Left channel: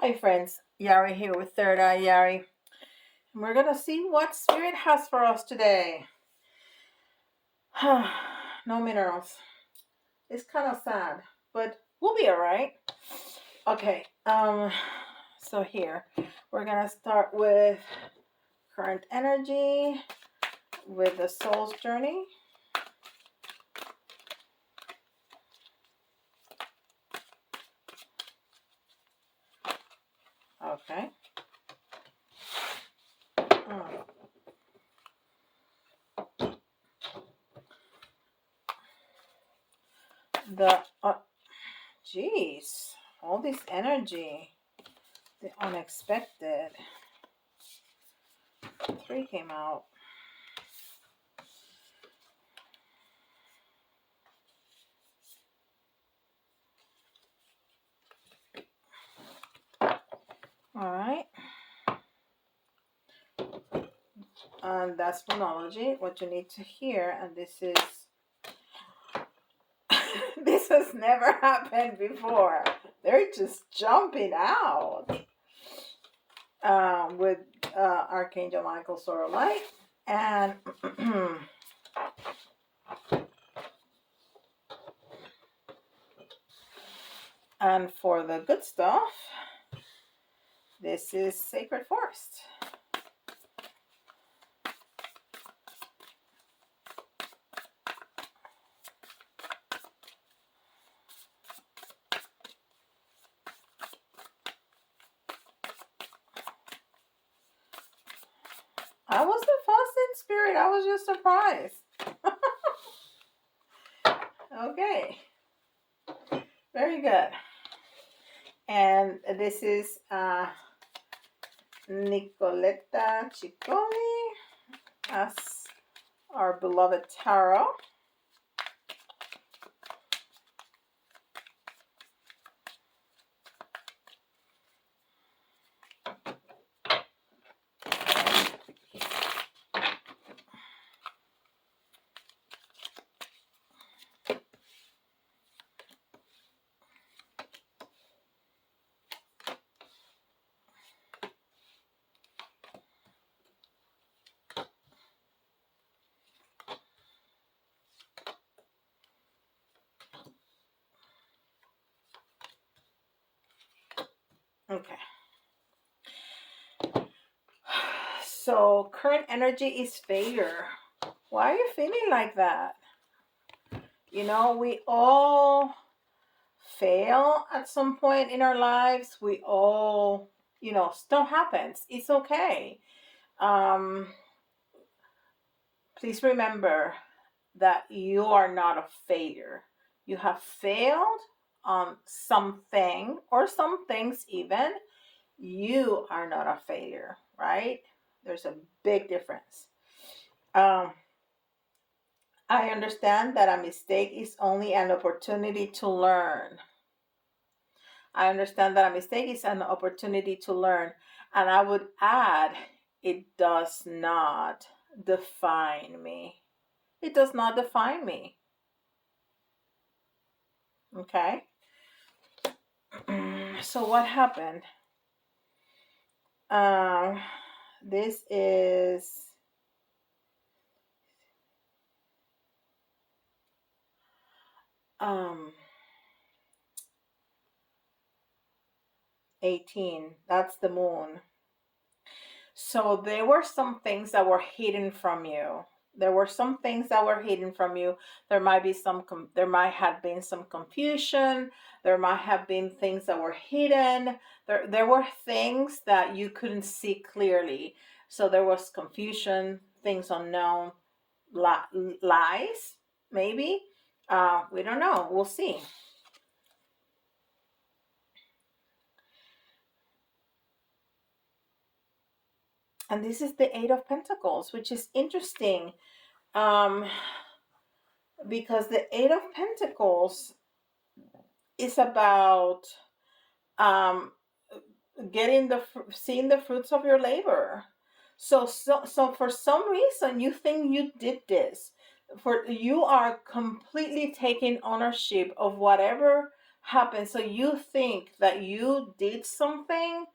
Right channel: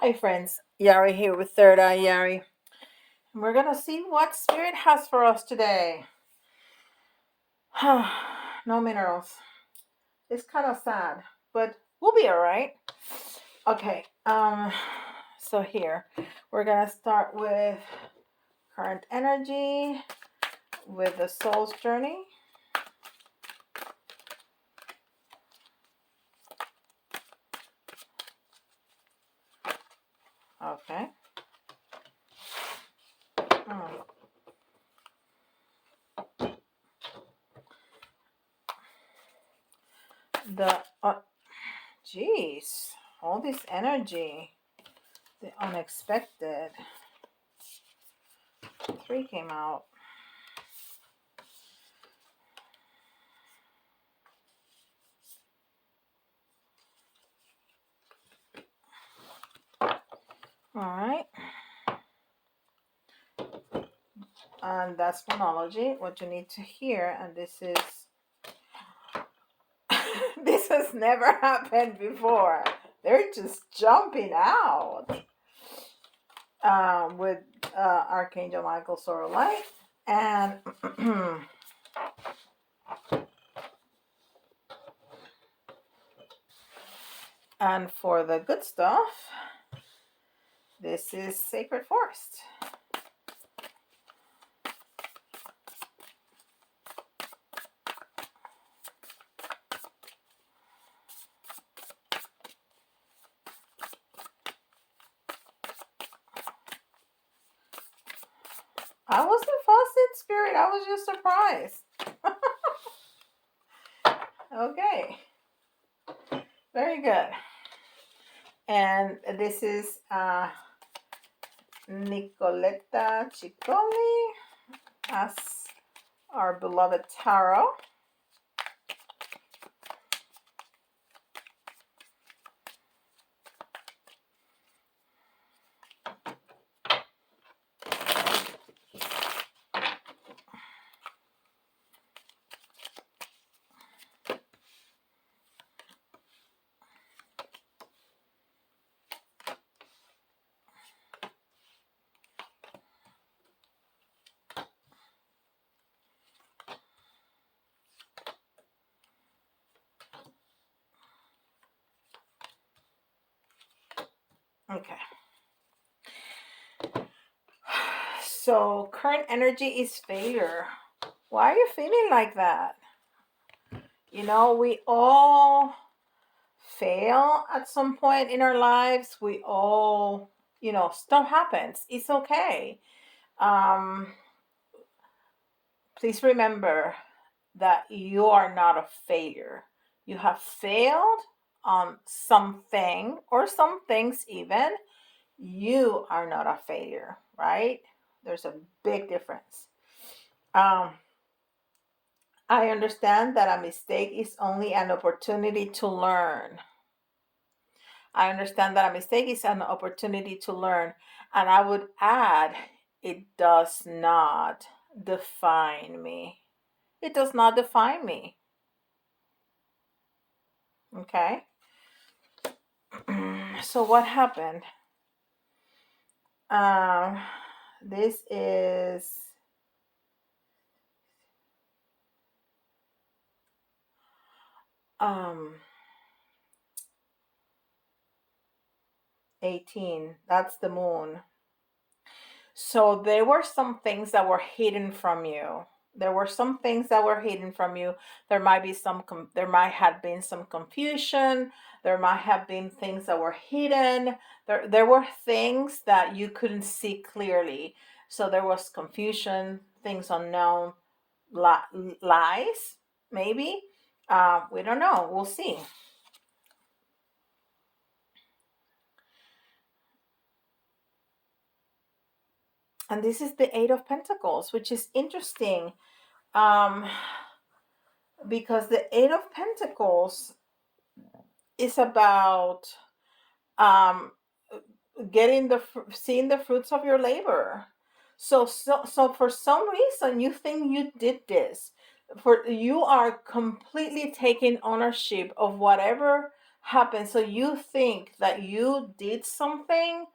Hi friends, Yari here with Third Eye Yari. And we're gonna see what Spirit has for us today. No minerals. It's kind of sad, but we'll be alright. Okay, so here we're gonna start with current energy with the soul's journey. Okay. The Jeez, all this energy, the unexpected. 3 came out. All right. And that's phonology, what you need to hear. And this is, this has never happened before. They're just jumping out with Archangel Michael Sora Light. And and for the good stuff, this is Sacred Forest. I wasn't fussed in spirit. I was just surprised. Okay. Very good. And this is Nicoletta Ciccone as our beloved tarot. Okay. So current energy is failure. Why are you feeling like that? You know, we all fail at some point in our lives. We all, stuff happens. It's okay. Um, please remember that you are not a failure. You have failed on something or some things even. You are not a failure, right? There's a big difference. Um, I understand that a mistake is only an opportunity to learn. I understand that a mistake is an opportunity to learn. And I would add, it does not define me. It does not define me. Okay? So, what happened? Um, this is um 18. That's the moon. So there were some things that were hidden from you. There were some things that were hidden from you. There might be there might have been some confusion. There might have been things that were hidden. There were things that you couldn't see clearly. So there was confusion, things unknown, lies, maybe. We don't know. We'll see. And this is the Eight of Pentacles, which is interesting. Um, because the Eight of Pentacles is about um, getting seeing the fruits of your labor. So for some reason you think you did this. For you are completely taking ownership of whatever happens. So you think that you did something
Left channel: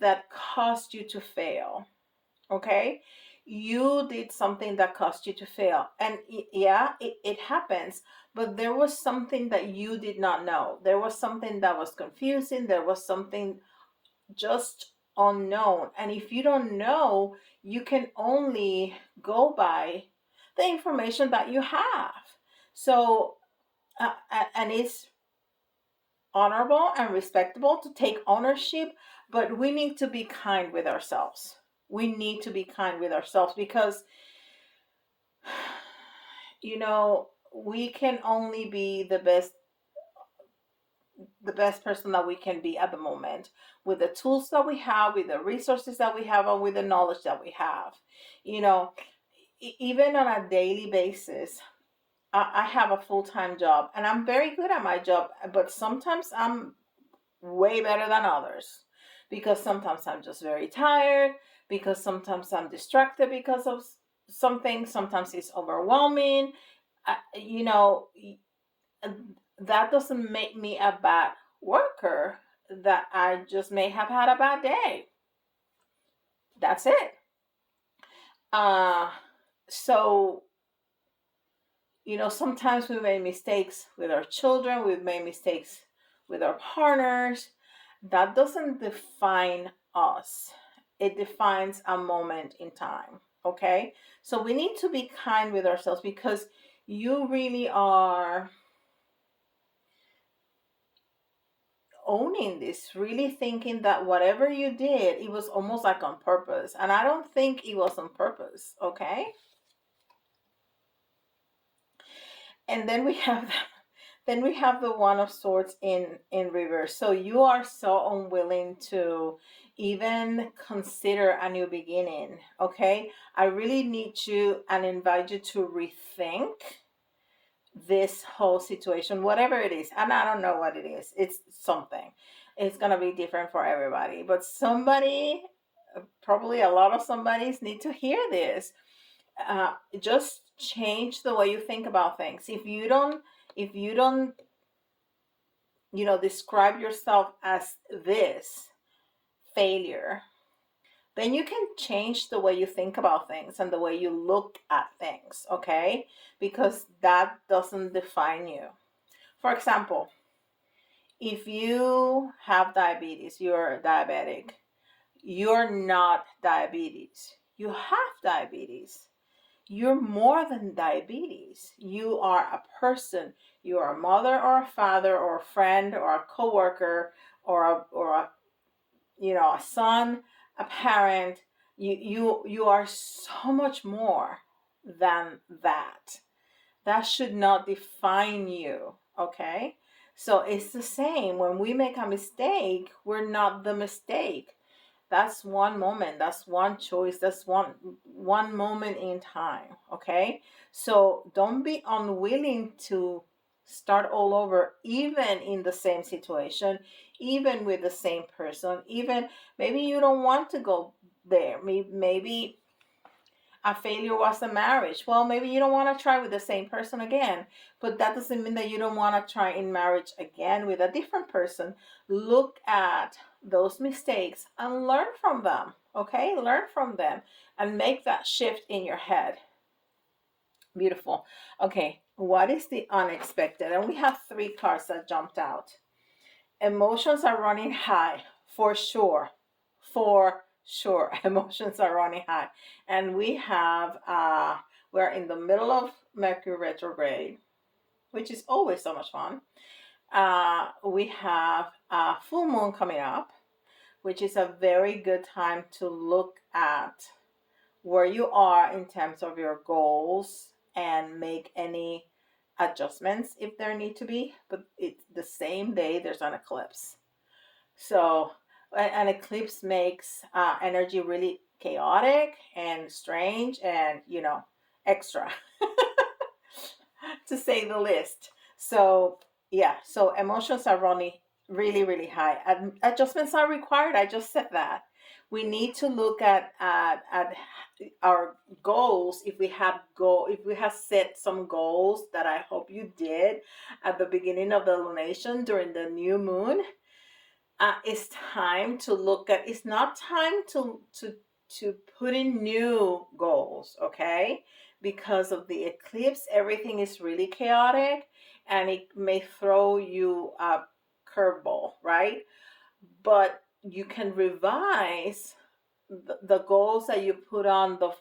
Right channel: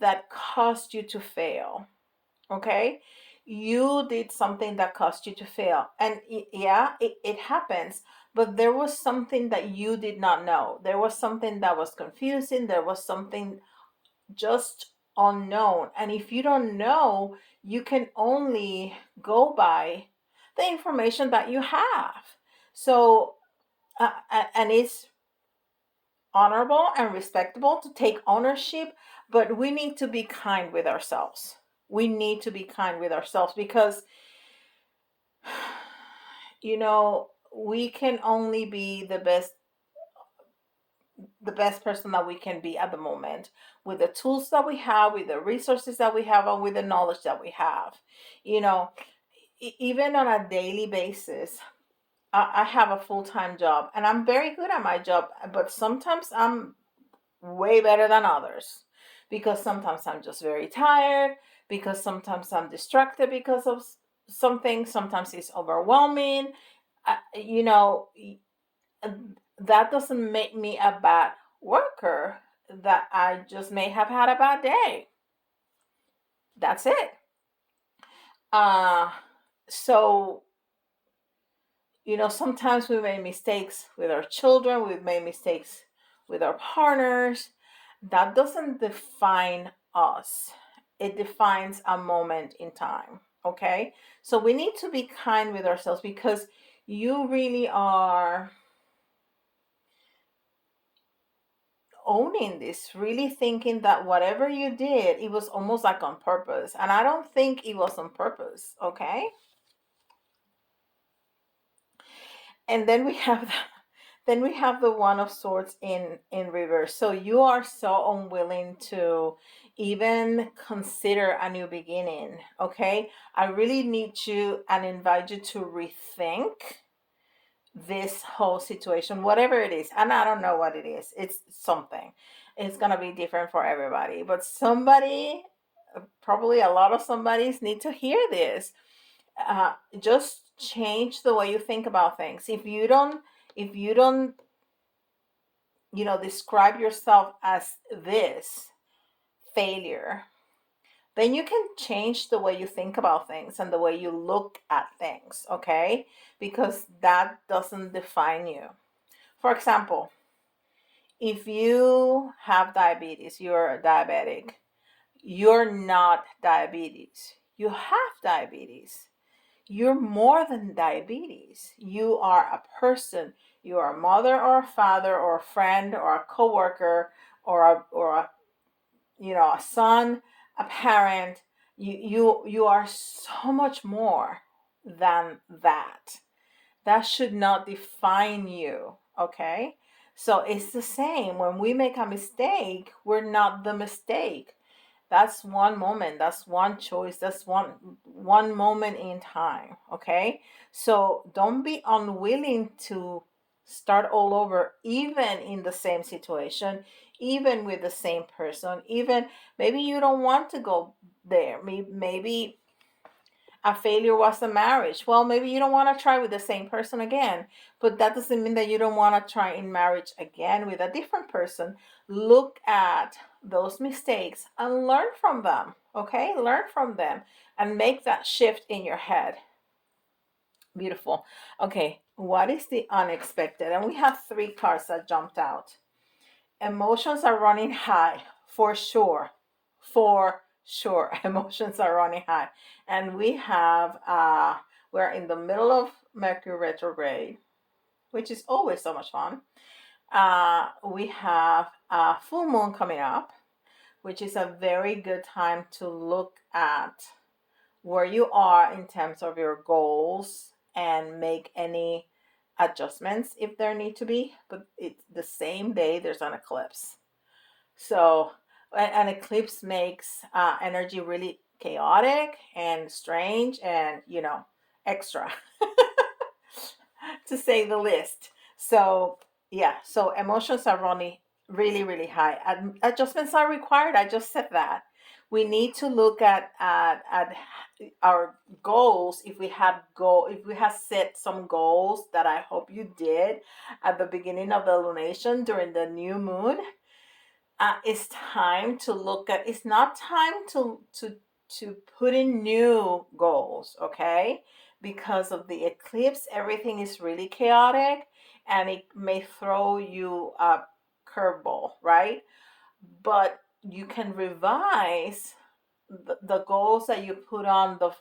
that caused you to fail. Okay, you did something that caused you to fail, and yeah, it happens, but there was something that you did not know. There was something that was confusing. There was something just unknown, and if you don't know, you can only go by the information that you have. So and it's honorable and respectable to take ownership, but we need to be kind with ourselves. We need to be kind with ourselves because, we can only be the best person that we can be at the moment, with the tools that we have, with the resources that we have, and with the knowledge that we have. You know, even on a daily basis, I have a full-time job and I'm very good at my job, but sometimes I'm way better than others, because sometimes I'm just very tired, because sometimes I'm distracted because of something, sometimes it's overwhelming. I, you know, that doesn't make me a bad worker. That I just may have had a bad day. That's it. Uh, so, sometimes we make mistakes with our children, we've made mistakes with our partners. That doesn't define us, it defines a moment in time. Okay? So we need to be kind with ourselves, because you really are owning this, really thinking that whatever you did, it was almost like on purpose. And I don't think it was on purpose. Okay? And then we have the one of swords in reverse. So you are so unwilling to even consider a new beginning. Okay, I really need you and invite you to rethink this whole situation, whatever it is. And I don't know what it is. It's something. It's gonna be different for everybody, but somebody, probably a lot of somebody's, need to hear this. Just change the way you think about things. If you don't describe yourself as this failure, then you can change the way you think about things and the way you look at things. Okay, because that doesn't define you. For example, if you have diabetes, you're diabetic. You're not diabetes, you have diabetes. You're more than diabetes. You are a person. You are a mother or a father or a friend or a coworker, or a son, a parent. You are so much more than that. That should not define you. Okay? So it's the same. When we make a mistake, we're not the mistake. That's one moment, that's one choice, that's one moment in time. Okay, so don't be unwilling to start all over, even in the same situation, even with the same person. Even maybe you don't want to go there. Maybe a failure was a marriage. Well, maybe you don't want to try with the same person again, but that doesn't mean that you don't want to try in marriage again with a different person. Look at those mistakes and learn from them. Okay, learn from them and make that shift in your head. Beautiful. Okay, what is the unexpected? And we have three cards that jumped out. Emotions are running high, for sure. For sure. Emotions are running high. And we're in the middle of Mercury retrograde, which is always so much fun. We have a full moon coming up, which is a very good time to look at where you are in terms of your goals and make any adjustments if there need to be. But it's the same day there's an eclipse. So an eclipse makes energy really chaotic and strange and, extra, to say the least. So, yeah, so emotions are running really, really high. Adjustments are required. I just said that. We need to look at our goals. If we have set some goals that I hope you did at the beginning of the lunation during the new moon, it's time to look at. It's not time to put in new goals, okay? Because of the eclipse, everything is really chaotic, and it may throw you a curveball, right? But you can revise the goals that you put on the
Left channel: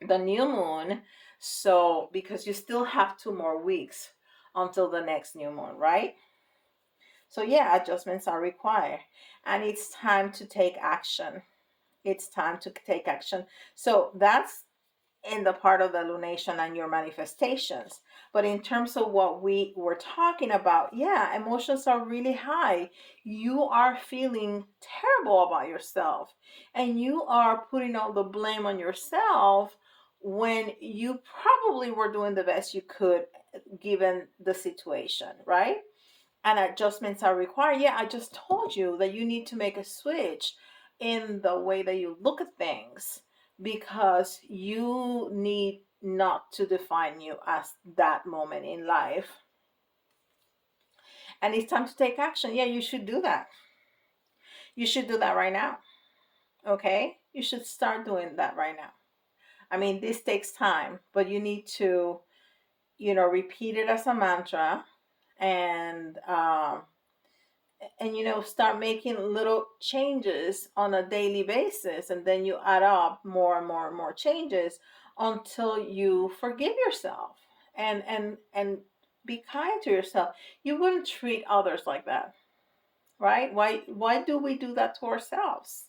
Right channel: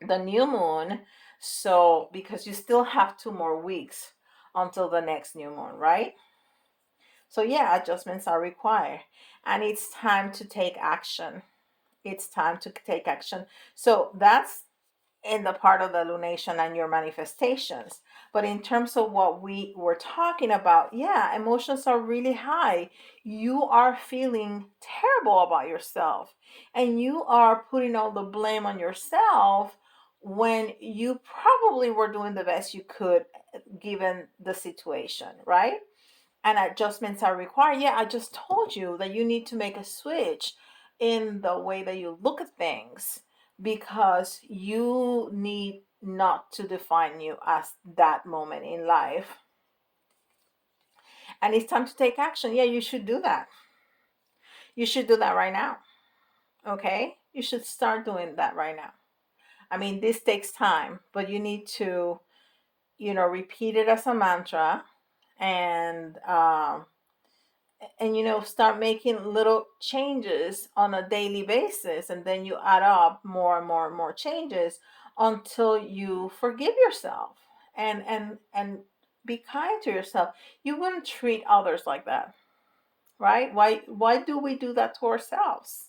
the new moon. So because you still have 2 more weeks until the next new moon, right? So yeah, adjustments are required, and it's time to take action. It's time to take action. So that's in the part of the lunation and your manifestations. But in terms of what we were talking about, yeah, emotions are really high. You are feeling terrible about yourself, and you are putting all the blame on yourself when you probably were doing the best you could given the situation, right? And adjustments are required. Yeah, I just told you that you need to make a switch in the way that you look at things, because you need not to define you as that moment in life. And it's time to take action. Yeah, you should do that. You should do that right now. Okay? You should start doing that right now. I mean, this takes time, but you need to, repeat it as a mantra, and start making little changes on a daily basis, and then you add up more and more and more changes until you forgive yourself, and be kind to yourself. You wouldn't treat others like that, right? Why do we do that to ourselves?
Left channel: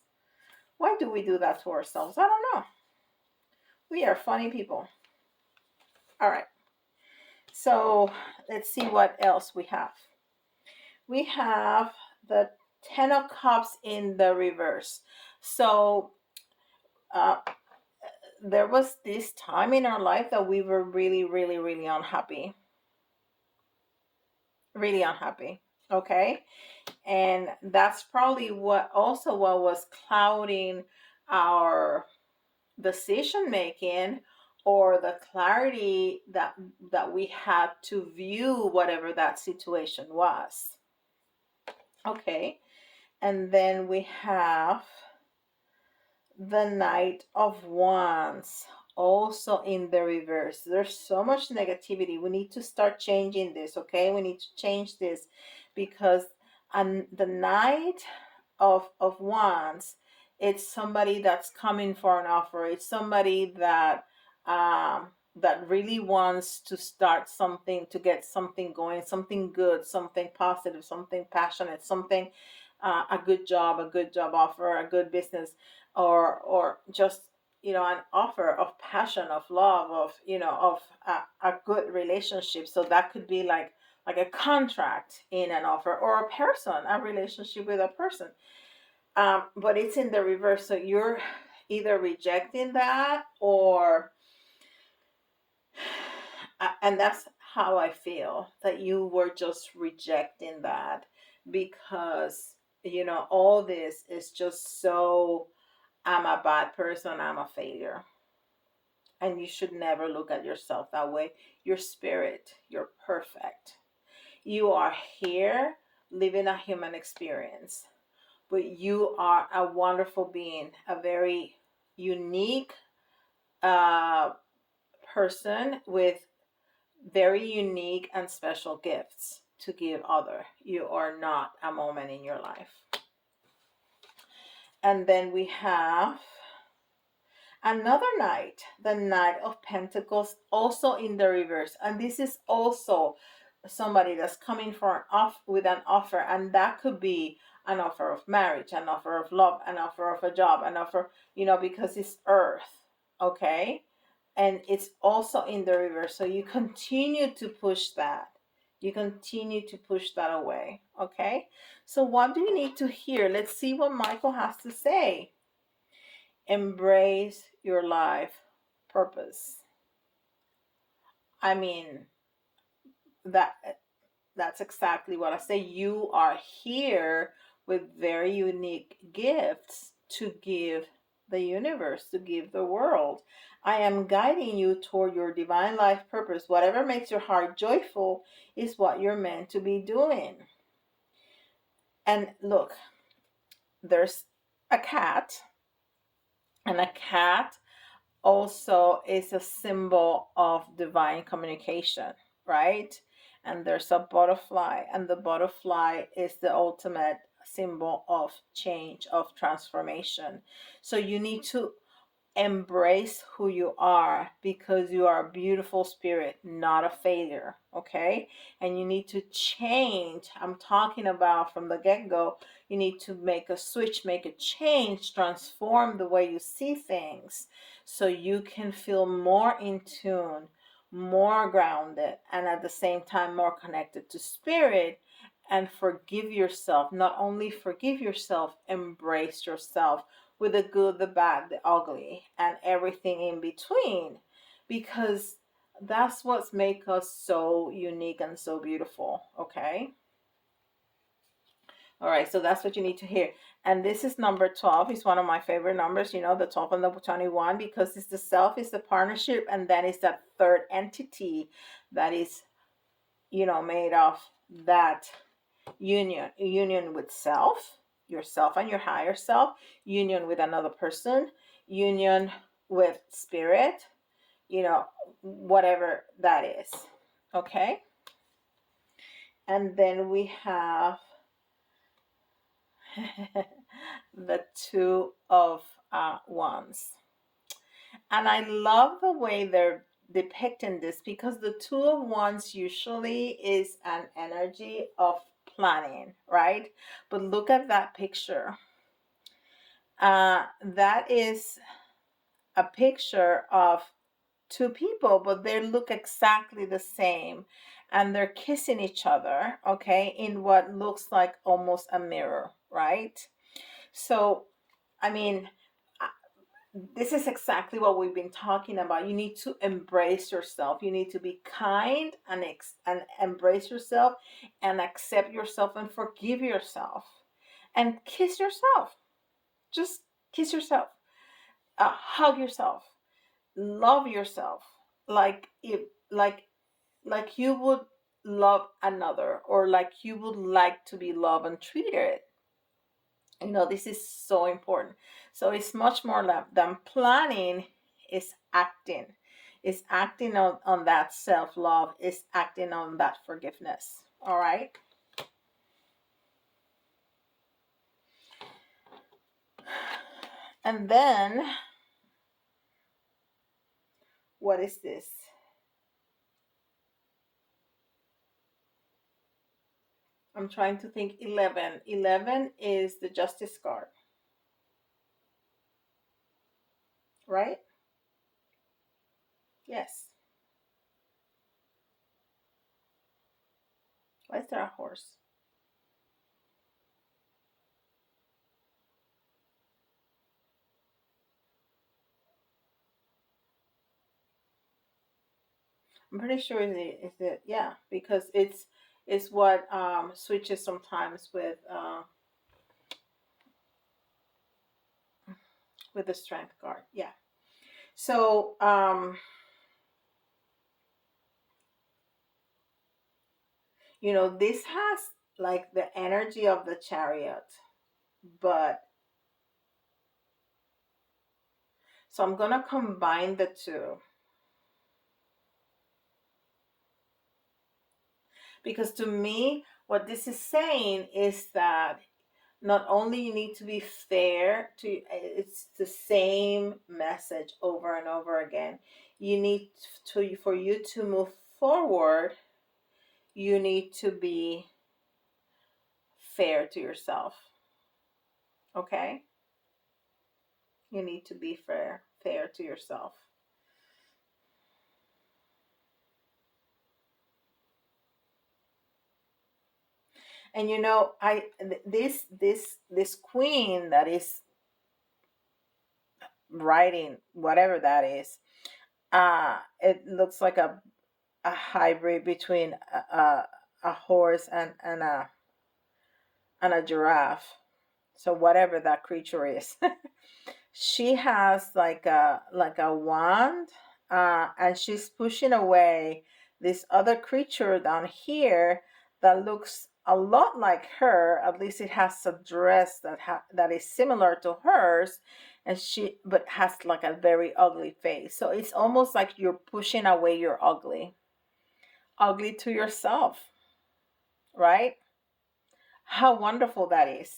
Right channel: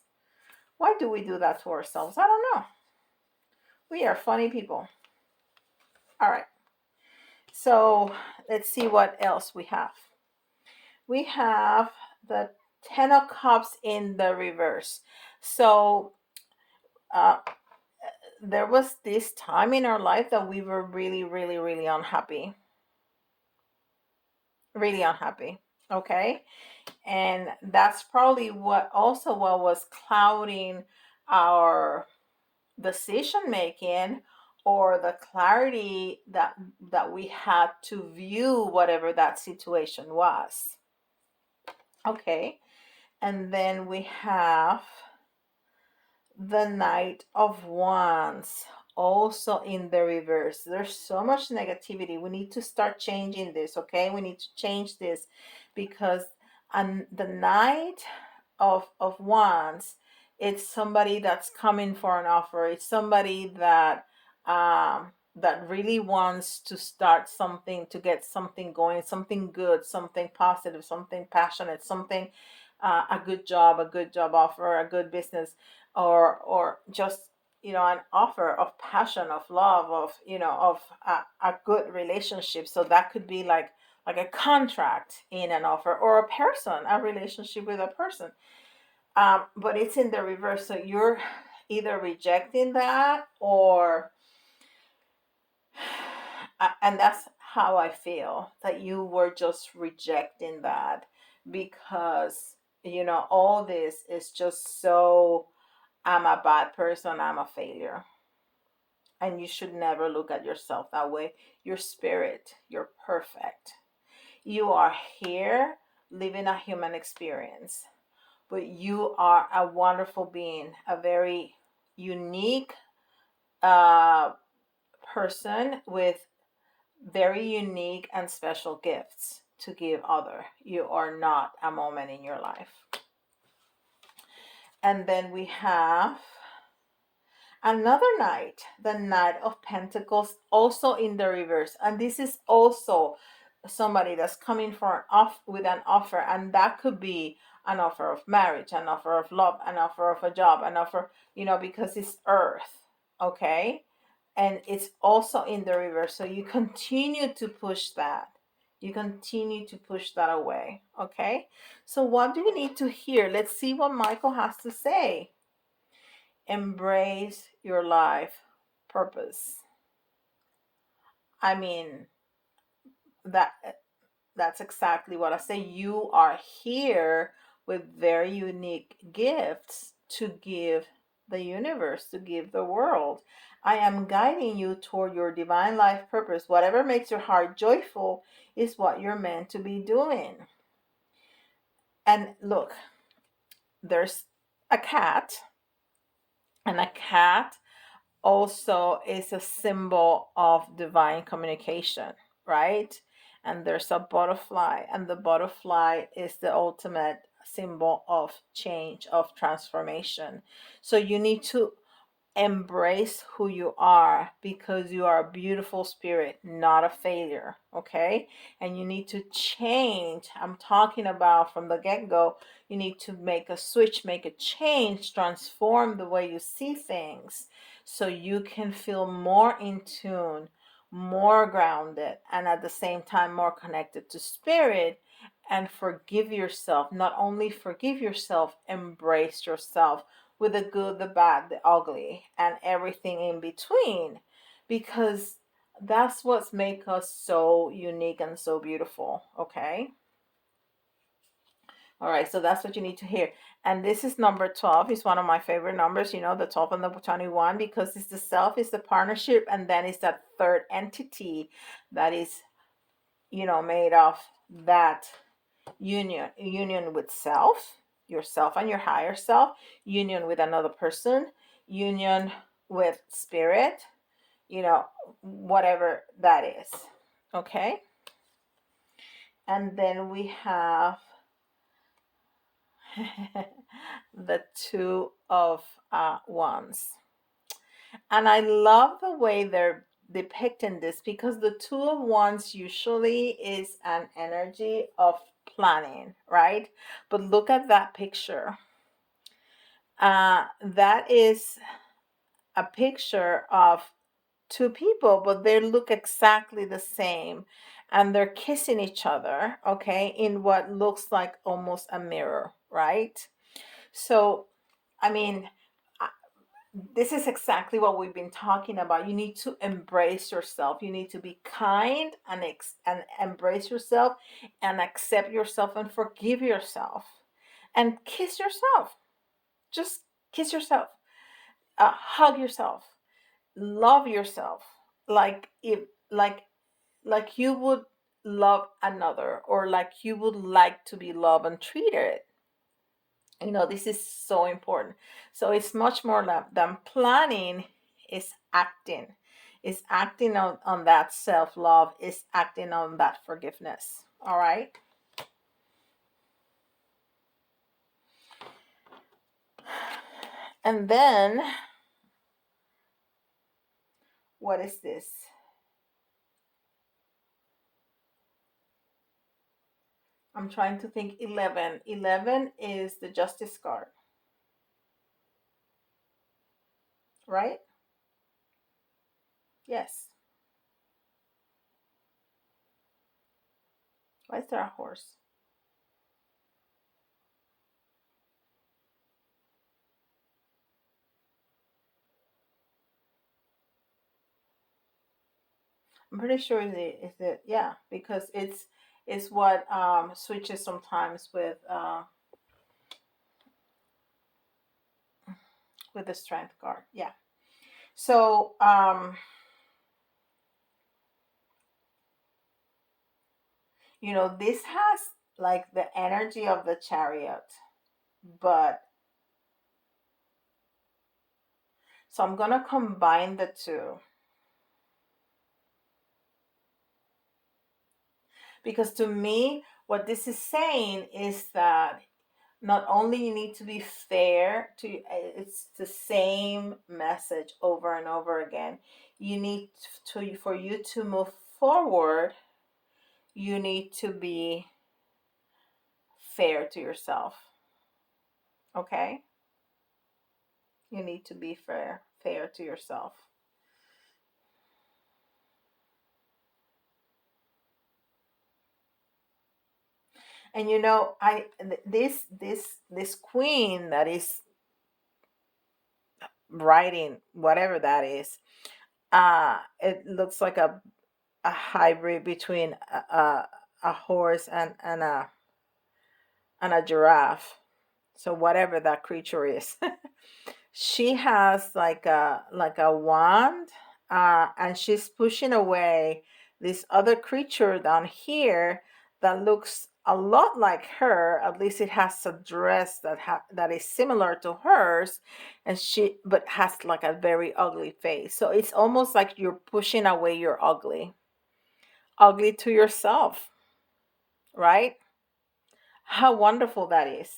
Why do we do that to ourselves? I don't know. We are funny people. All right, so let's see what else we have. We have the Ten of Cups in the reverse. So uh, there was this time in our life that we were really, really, really unhappy. Really unhappy. Okay. And that's probably what was clouding our decision making, or the clarity that we had to view whatever that situation was. Okay. And then we have the Knight of Wands also in the reverse. There's so much negativity. We need to start changing this, okay? We need to change this, because the Knight of Wands, it's somebody that's coming for an offer. It's somebody that really wants to start something, to get something going, something good, something positive, something passionate, something, a good job offer, a good business, or just, an offer of passion, of love, of, of a good relationship. So that could be like a contract in an offer, or a person, a relationship with a person. But it's in the reverse, so you're either rejecting that, or and that's how I feel, that you were just rejecting that, because all this is just so, I'm a bad person, I'm a failure. And you should never look at yourself that way. Your spirit, you're perfect. You are here living a human experience, but you are a wonderful being, a very unique uh, person with very unique and special gifts to give other. You are not a moment in your life. And then we have another knight, the Knight of Pentacles, also in the reverse. And this is also somebody that's coming for with an offer, and that could be an offer of marriage, an offer of love, an offer of a job, an offer, because it's earth, okay? And it's also in the reverse. So you continue to push that. You continue to push that away, okay? So what do you need to hear? Let's see what Michael has to say. Embrace your life purpose. I mean, that that's exactly what I say. You are here with very unique gifts to give the universe, to give the world. I am guiding you toward your divine life purpose. Whatever makes your heart joyful is what you're meant to be doing. And look, there's a cat, and a cat also is a symbol of divine communication, right? And there's a butterfly, and the butterfly is the ultimate symbol of change, of transformation. So you need to embrace who you are, because you are a beautiful spirit, not a failure. Okay. And you need to change. I'm talking about from the get-go. You need to make a switch, make a change, transform the way you see things, so you can feel more in tune, more grounded, and at the same time more connected to spirit. And forgive yourself. Not only forgive yourself, embrace yourself, with the good, the bad, the ugly, and everything in between, because that's what's make us so unique and so beautiful. Okay. All right, so that's what you need to hear. And this is number 12. It's one of my favorite numbers, the 12 and the 21, because it's the self, is the partnership, and then it's that third entity that is, made of that union with self, yourself and your higher self, union with another person, union with spirit, whatever that is. Okay. And then we have the two of wands. And I love the way they're depicting this, because the two of wands usually is an energy of planning, right? But look at that picture. That is a picture of two people, but they look exactly the same, and they're kissing each other, okay, in what looks like almost a mirror, right? So, I mean, this is exactly what we've been talking about. You need to embrace yourself. You need to be kind and embrace yourself, and accept yourself, and forgive yourself, and kiss yourself. Just kiss yourself. Hug yourself. Love yourself. Like if like you would love another, or like you would like to be loved and treated. This is so important. So it's much more than planning, is acting. Is acting on that self-love, is acting on that forgiveness. All right. And then what is this? I'm trying to think. 11. 11 is the justice card, right? Yes. Why is there a horse? I'm pretty sure is it yeah, because it's what switches sometimes with the strength card. Yeah. So this has like the energy of the chariot, but so I'm gonna combine the two, because to me what this is saying is that not only you need to be fair to, it's the same message over and over again. You need to, for you to move forward, you need to be fair to yourself. Okay. You need to be fair to yourself. And this queen that is writing whatever that is, it looks like a hybrid between a horse and a and a giraffe. So whatever that creature is. She has like a wand, and she's pushing away this other creature down here that looks a lot like her. At least it has a dress that is similar to hers, and she but has like a very ugly face. So it's almost like you're pushing away your ugly to yourself, right? How wonderful that is.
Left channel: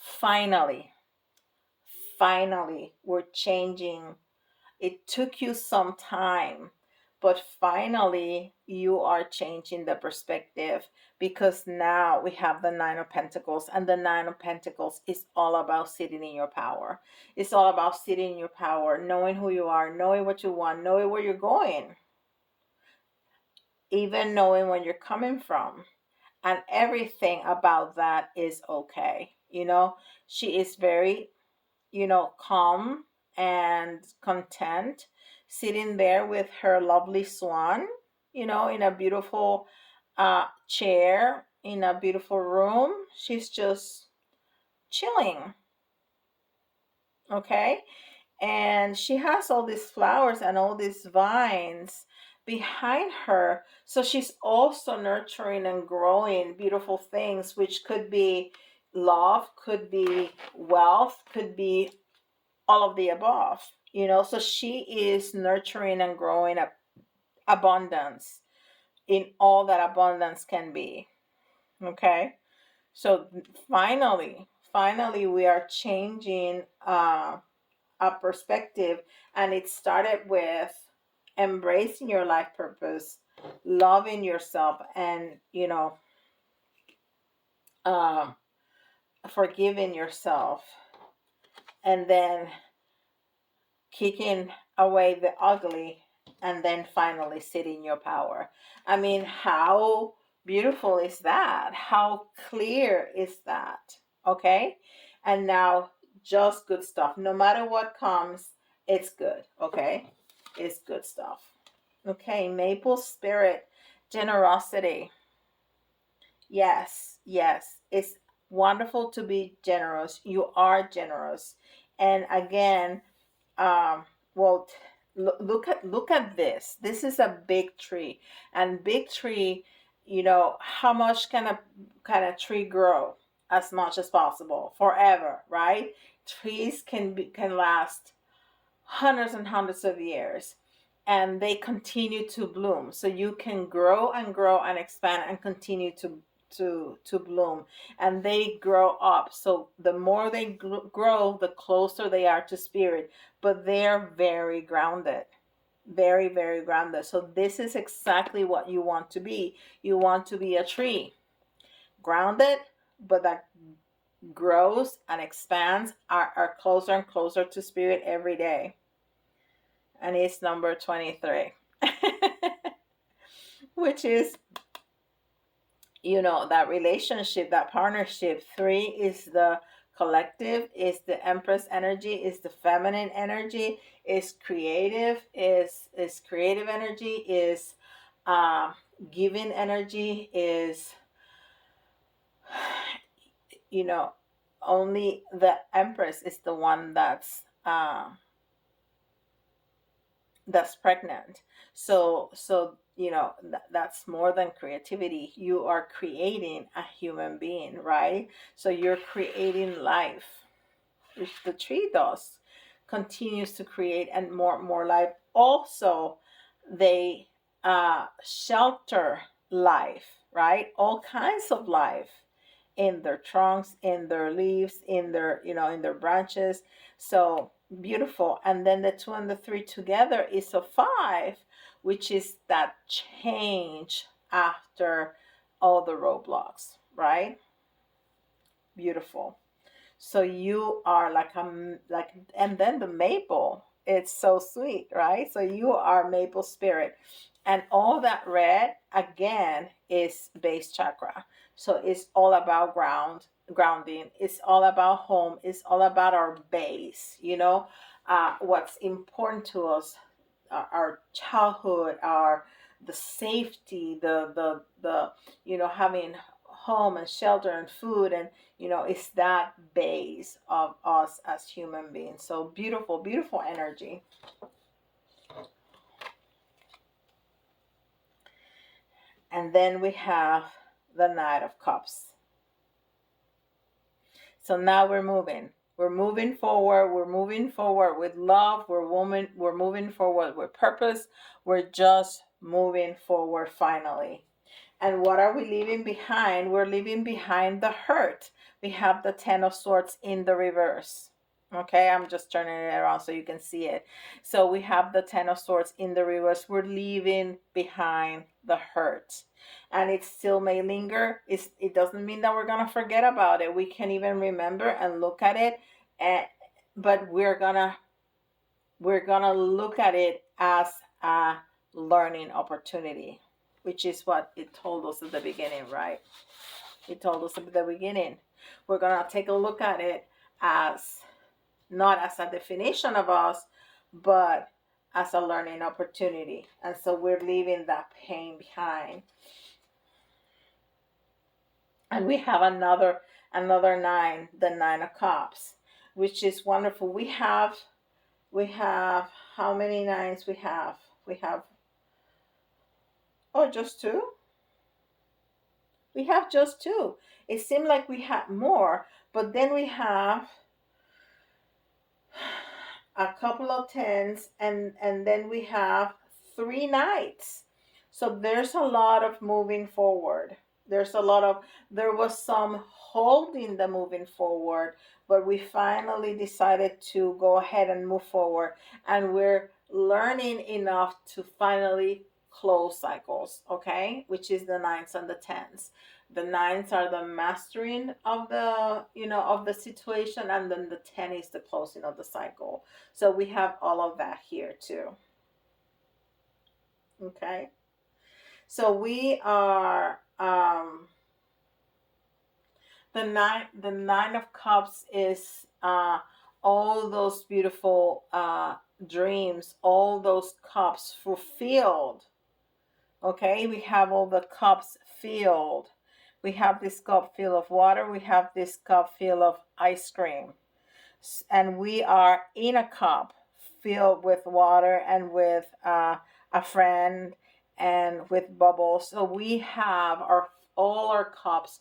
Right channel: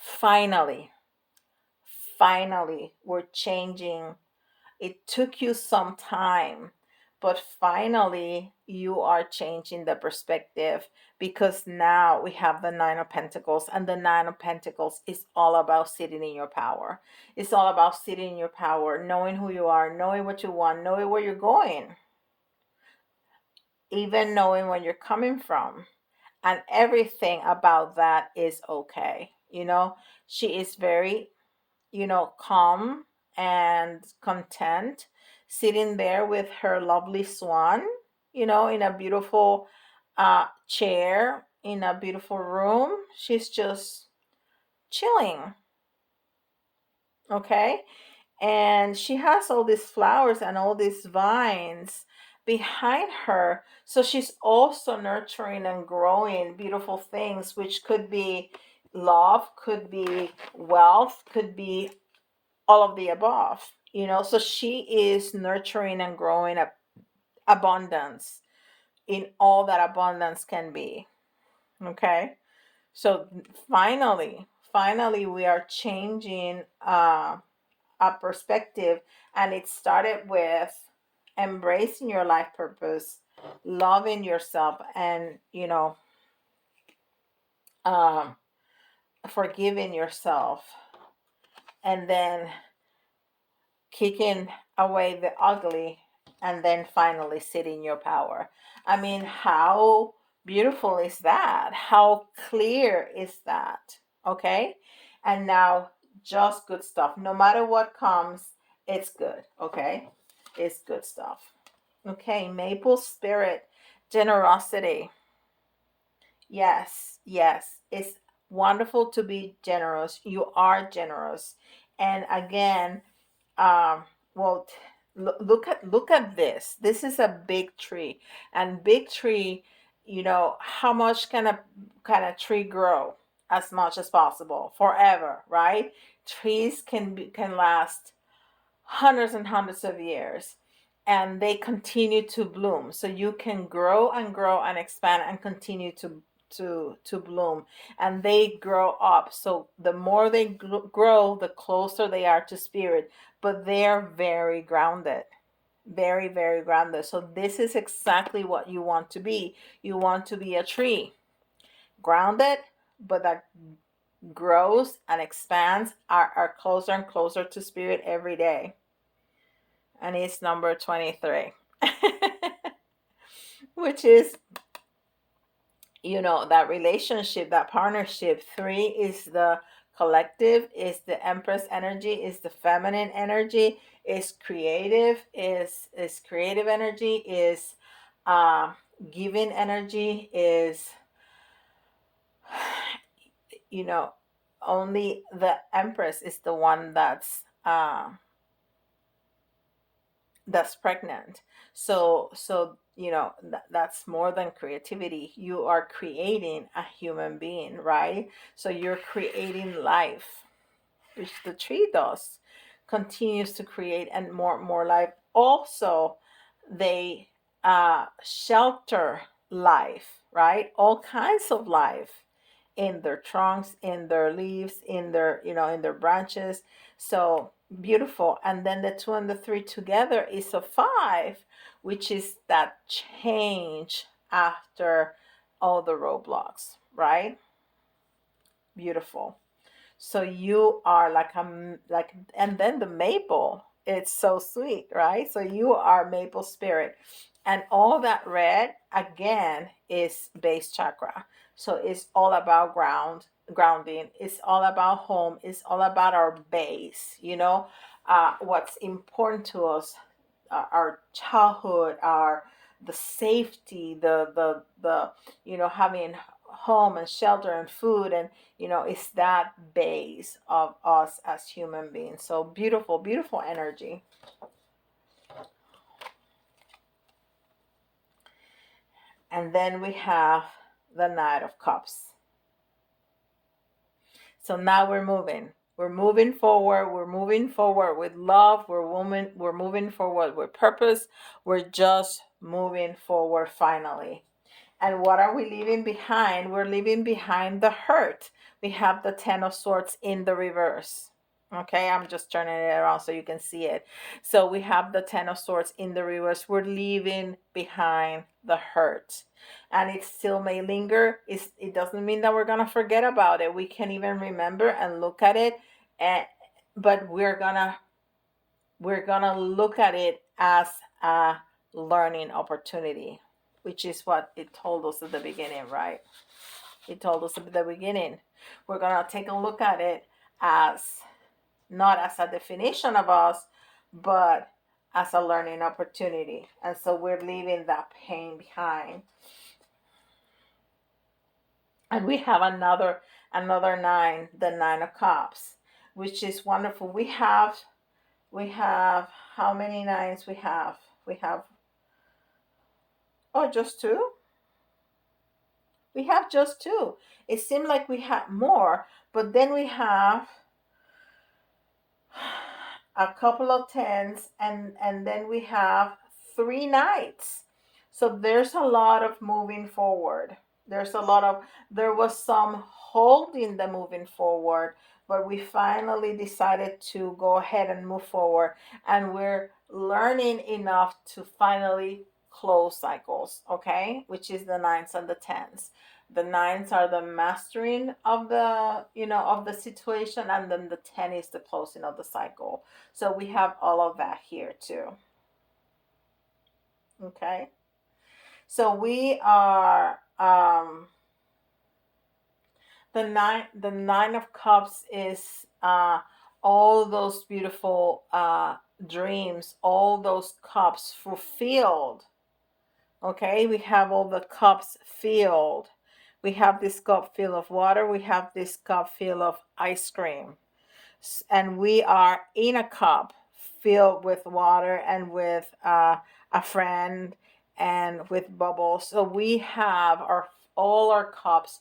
Finally, finally, we're changing. It took you some time, but finally you are changing the perspective, because now we have the Nine of Pentacles, and the Nine of Pentacles is all about sitting in your power. It's all about sitting in your power, knowing who you are, knowing what you want, knowing where you're going, even knowing where you're coming from. And everything about that is okay. She is very, calm and content, sitting there with her lovely swan, in a beautiful chair, in a beautiful room. She's just chilling, okay? And she has all these flowers and all these vines behind her. So she's also nurturing and growing beautiful things, which could be love, could be wealth, could be all of the above. So she is nurturing and growing abundance in all that abundance can be. Okay. So finally we are changing a perspective, and it started with embracing your life purpose, loving yourself, and um forgiving yourself, and then kicking away the ugly, and then finally sitting in your power. I mean, how beautiful is that? How clear is that? Okay. And now, just good stuff. No matter what comes, it's good. Okay. It's good stuff. Okay. Maple spirit, generosity. Yes. Yes. It's wonderful to be generous. You are generous. And again, um, well, look at this. This is a big tree, and big tree. How much can a tree grow? As much as possible, forever, right? Trees can last hundreds and hundreds of years, and they continue to bloom. So you can grow and expand and continue to bloom, and they grow up. So the more they grow, the closer they are to spirit, but they're very grounded, very, very grounded. So this is exactly what you want to be. You want to be a tree, grounded, but that grows and expands, are closer and closer to spirit every day. And it's number 23. Which is, that relationship, that partnership. 3 is the collective, is the Empress energy, is the feminine energy, is creative energy, is uh giving energy, is you know only the Empress is the one that's pregnant. So that's more than creativity. You are creating a human being, right? So you're creating life, which the tree does, continues to create, and more life. Also, they shelter life, right? All kinds of life in their trunks, in their leaves, in their branches. So beautiful. And then the 2 and the 3 together is a 5, which is that change after all the roadblocks, right? Beautiful. So you are and then the maple, it's so sweet, right? So you are maple spirit. And all that red again is base chakra. So it's all about grounding. It's all about home. It's all about our base, what's important to us, our childhood, our the safety, the having home and shelter and food, and it's that base of us as human beings. So beautiful, beautiful energy. And then we have the Knight of Cups. So now we're moving. We're moving forward. We're moving forward with love. We're moving forward with purpose. We're just moving forward finally. And what are we leaving behind? We're leaving behind the hurt. We have the Ten of Swords in the reverse. Okay, I'm just turning it around so you can see it. So we have the Ten of Swords in the reverse. We're leaving behind the hurt. And it still may linger. It doesn't mean that we're going to forget about it. We can even remember and look at it. And, but we're gonna look at it as a learning opportunity, which is what it told us at the beginning, right? It told us at the beginning. We're gonna take a look at it as not as a definition of us, but as a learning opportunity. And so we're leaving that pain behind. And we have another nine, the Nine of Cups, which is wonderful. We have how many nines we have? We have, oh, just two? We have just two. It seemed like we had more, but then we have a couple of tens, and then we have three knights. So there's a lot of moving forward. There was some holding the moving forward, but we finally decided to go ahead and move forward, and we're learning enough to finally close cycles, okay, which is the nines and the tens. The nines are the mastering of the situation, and then the 10 is the closing of the cycle. So we have all of that here too. Okay. So we are the nine of cups is all those beautiful dreams, all those cups fulfilled. Okay, we have all the cups filled. We have this cup filled of water. We have this cup filled of ice cream. And we are in a cup filled with water and with a friend and with bubbles. So we have all our cups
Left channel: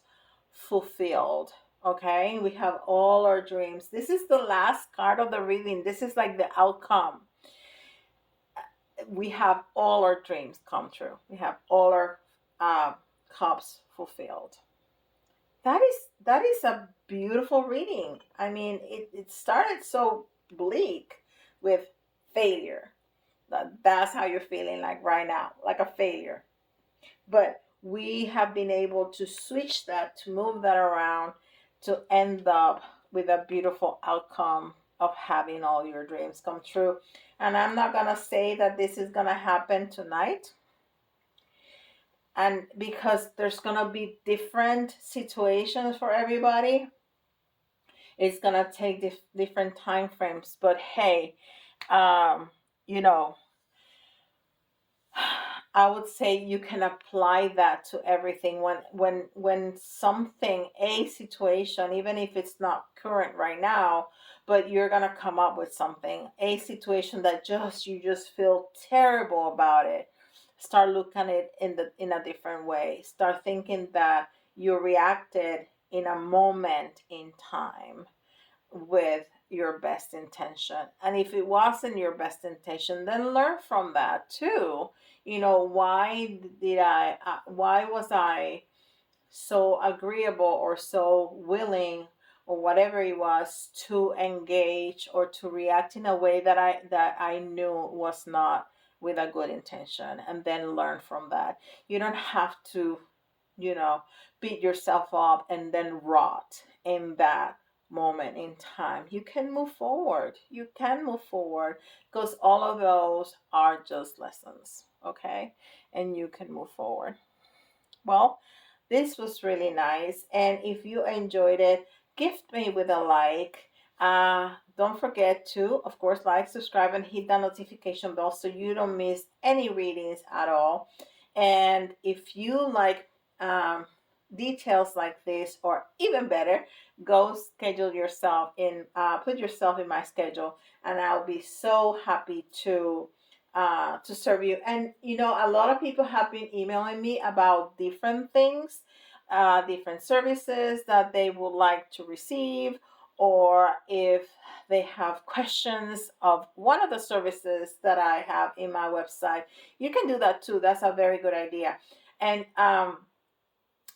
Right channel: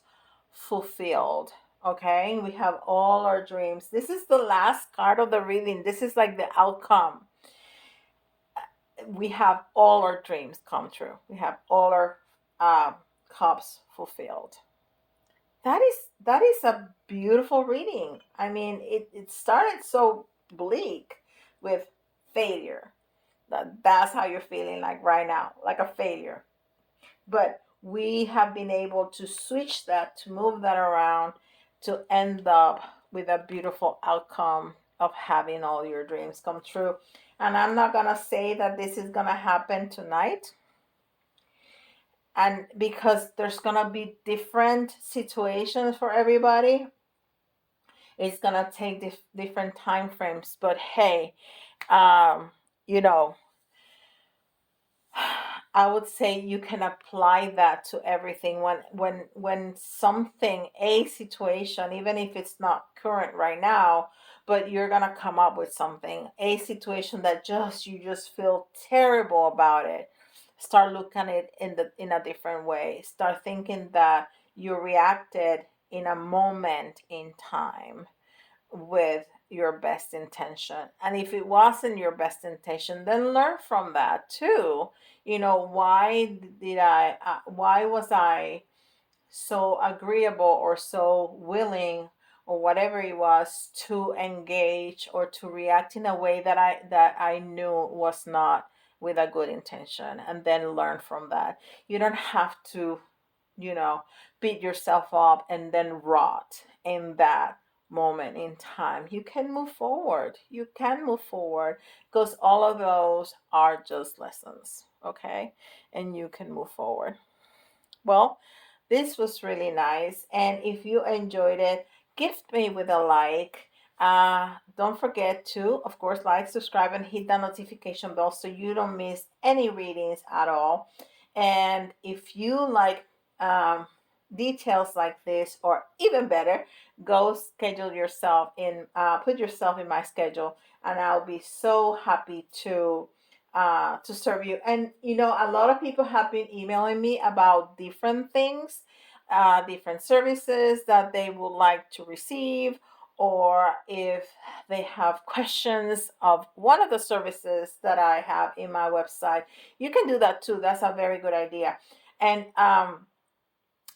fulfilled. Okay, we have all our dreams. This is the last card of the reading. This is like the outcome. We have all our dreams come true. We have all our cups fulfilled. That is a beautiful reading. I mean, it started so bleak with failure. That's how you're feeling like right now, like a failure. But we have been able to switch that, to move that around, to end up with a beautiful outcome of having all your dreams come true. And I'm not gonna say that this is gonna happen tonight, and because there's gonna be different situations for everybody, it's gonna take different time frames. But hey, um you know I would say you can apply that to everything. When something, a situation, even if it's not current right now, but you're gonna come up with something, a situation that you just feel terrible about it. Start looking at it in a different way. Start thinking that you reacted in a moment in time with your best intention. And if it wasn't your best intention, then learn from that too. Why was I so agreeable or so willing or whatever it was to engage or to react in a way that I knew was not with a good intention, and then learn from that. You don't have to, you know, beat yourself up and then rot in that moment in time. You can move forward. You can move forward because all of those are just lessons, okay? And you can move forward. Well, this was really nice. And if you enjoyed it, gift me with a like. Don't forget to, of course, like, subscribe, and hit that notification bell so you don't miss any readings at all. And if you like um, details like this, or even better, go schedule yourself in, put yourself in my schedule, and I'll be so happy to serve you. And a lot of people have been emailing me about different things, different services that they would like to receive, or if they have questions of one of the services that I have in my website, you can do that too. That's a very good idea. And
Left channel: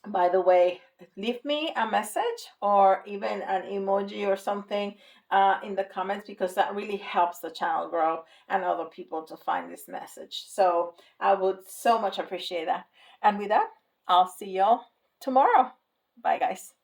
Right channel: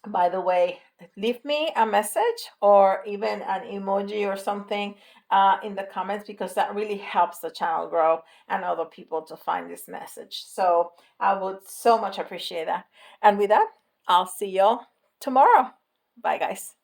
by the way, leave me a message or even an emoji or something in the comments, because that really helps the channel grow and other people to find this message. So I would so much appreciate that. And with that, I'll see y'all tomorrow. Bye, guys.